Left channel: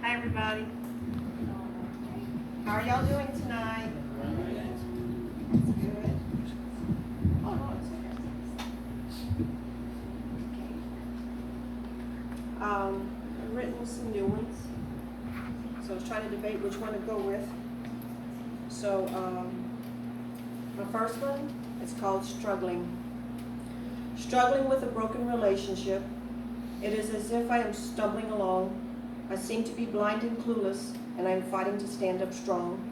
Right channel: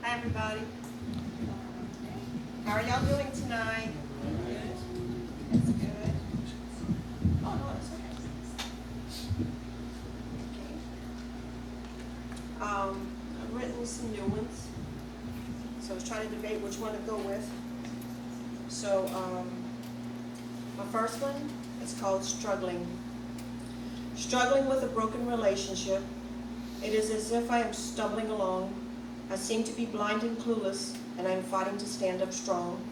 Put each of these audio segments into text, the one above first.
Hi, everybody. How are y'all doing tonight? That's good. Oh, no, it's okay. I've written some new ones. So I was trying to debate which one to go with. So, my first one is called Struggling. Struggling with a broken relationship. It is as if I am stumbling along. I seem to be blind and clueless, and I am fighting to stand up strong.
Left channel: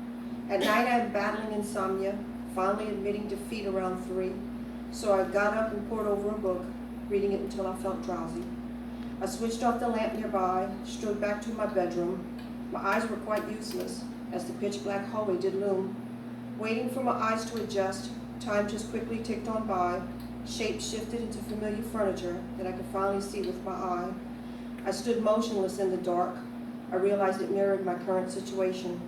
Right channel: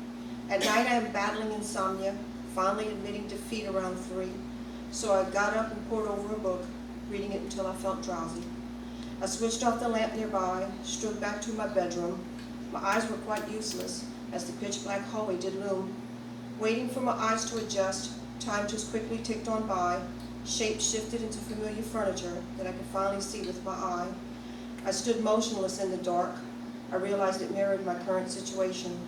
At night I am battling insomnia, finally admitting defeat around 3. So I got up and pored over a book, reading it until I felt drowsy. I switched off the lamp nearby, strode back to my bedroom. My eyes were quite useless, as the pitch-black hallway did loom. Waiting for my eyes to adjust, time just quickly ticked on by. Shapes shifted into familiar furniture that I could finally see with my eye. I stood motionless in the dark. I realized it mirrored my current situation,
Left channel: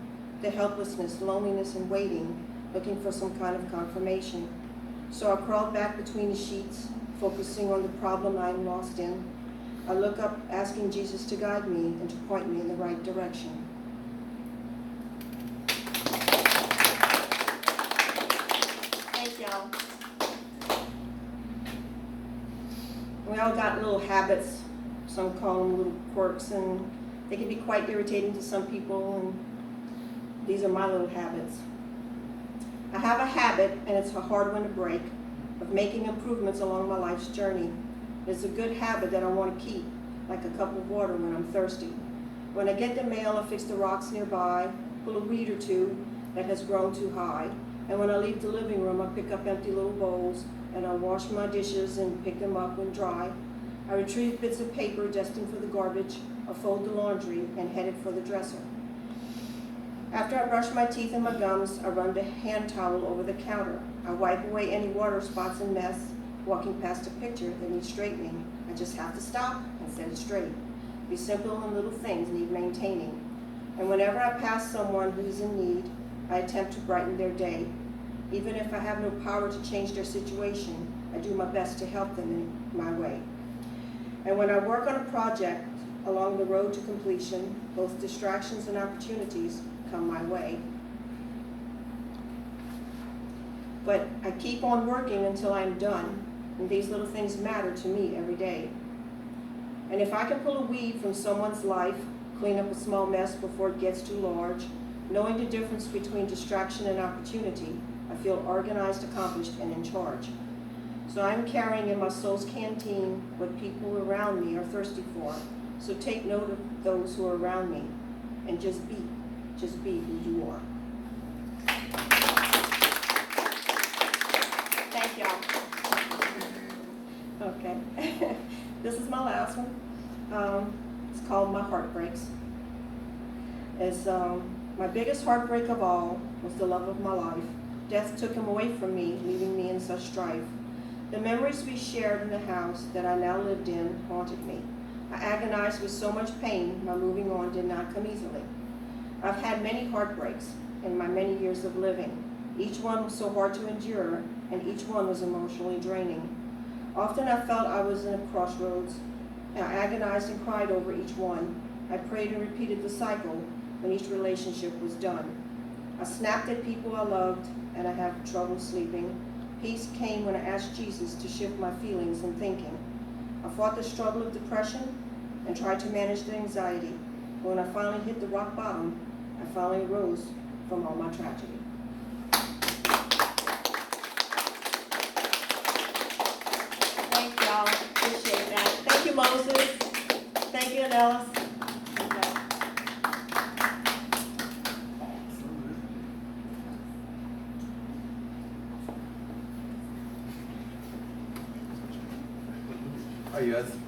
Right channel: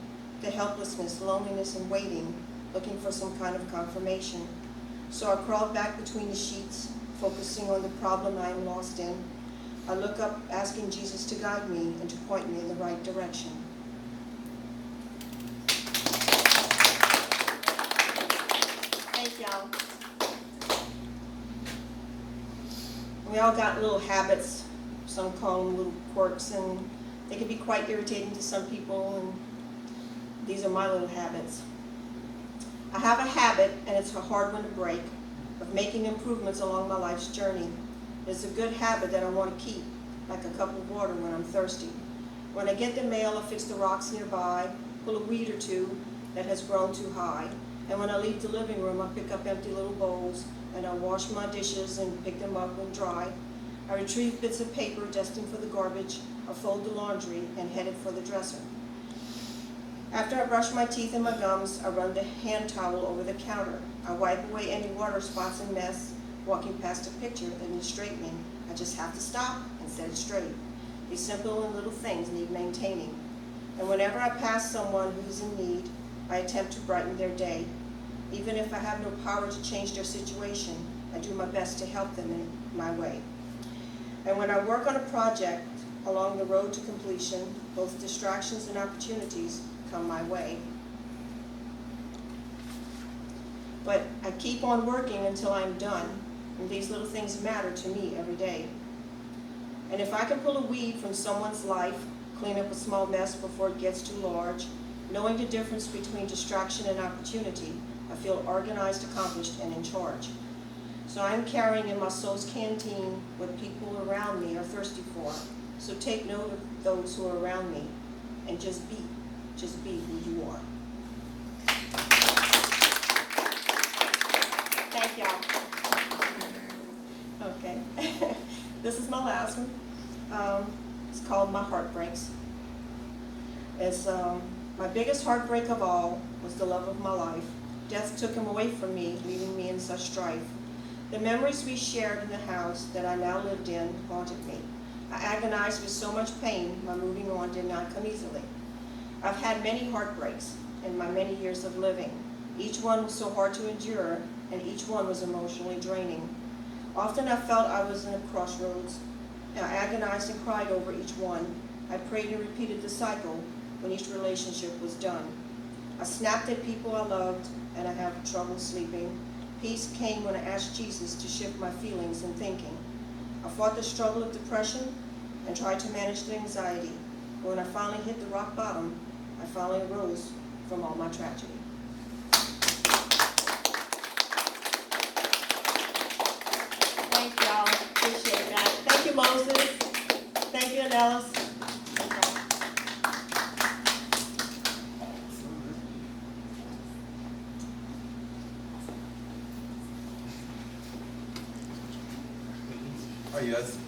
the helplessness, loneliness, and waiting, looking for some kind of confirmation. So I crawled back between the sheets, focusing on the problem I am lost in. I look up, asking Jesus to guide me and to point me in the right direction. Thank y'all. We all got little habits. Some call them little quirks, and they can be quite irritating to some people, and these are my little habits. I have a habit, and it's a hard one to break, of making improvements along my life's journey. It's a good habit that I want to keep, like a cup of water when I'm thirsty. When I get the mail, I fix the rocks nearby, pull a weed or two that has grown too high, and when I leave the living room, I pick up empty little bowls, and I wash my dishes and pick them up when dry. I retrieve bits of paper destined for the garbage, I fold the laundry, and head it for the dresser. After I brush my teeth and my gums, I run the hand towel over the counter. I wipe away any water spots and mess. Walking past a picture that needs straightening, I just have to stop and set it straight. These simple and little things need maintaining. And whenever I pass someone who is in need, I attempt to brighten their day. Even if I have no power to change their situation, I do my best to help them in my way. And when I work on a project along the road to completion, both distractions and opportunities come my way. But I keep on working until I'm done, and these little things matter to me every day. And if I can pull a weed from someone's life, clean up a small mess before it gets too large, knowing the difference between distraction and opportunity, I feel organized, accomplished, and in charge. So I'm carrying in my soul's canteen what people around me are thirsty for. So take note of those who are around me and just be who you are. Thank y'all. Okay, this is my last one. It's called My Heartbreaks. It's my biggest heartbreak of all was the love of my life. Death took him away from me, leaving me in such strife. The memories we shared in the house that I now lived in haunted me. I agonized with so much pain, my moving on did not come easily. I've had many heartbreaks in my many years of living. Each one was so hard to endure, and each one was emotionally draining. Often I felt I was in a crossroads. I agonized and cried over each one. I prayed and repeated the cycle when each relationship was done. I snapped at people I loved, and I have trouble sleeping. Peace came when I asked Jesus to shift my feelings and thinking. I fought the struggle of depression and tried to manage the anxiety. But when I finally hit the rock bottom, I finally arose from all my tragedy. Thank y'all. Appreciate that. Thank you, Moses. Thank you, Nellis. Yes.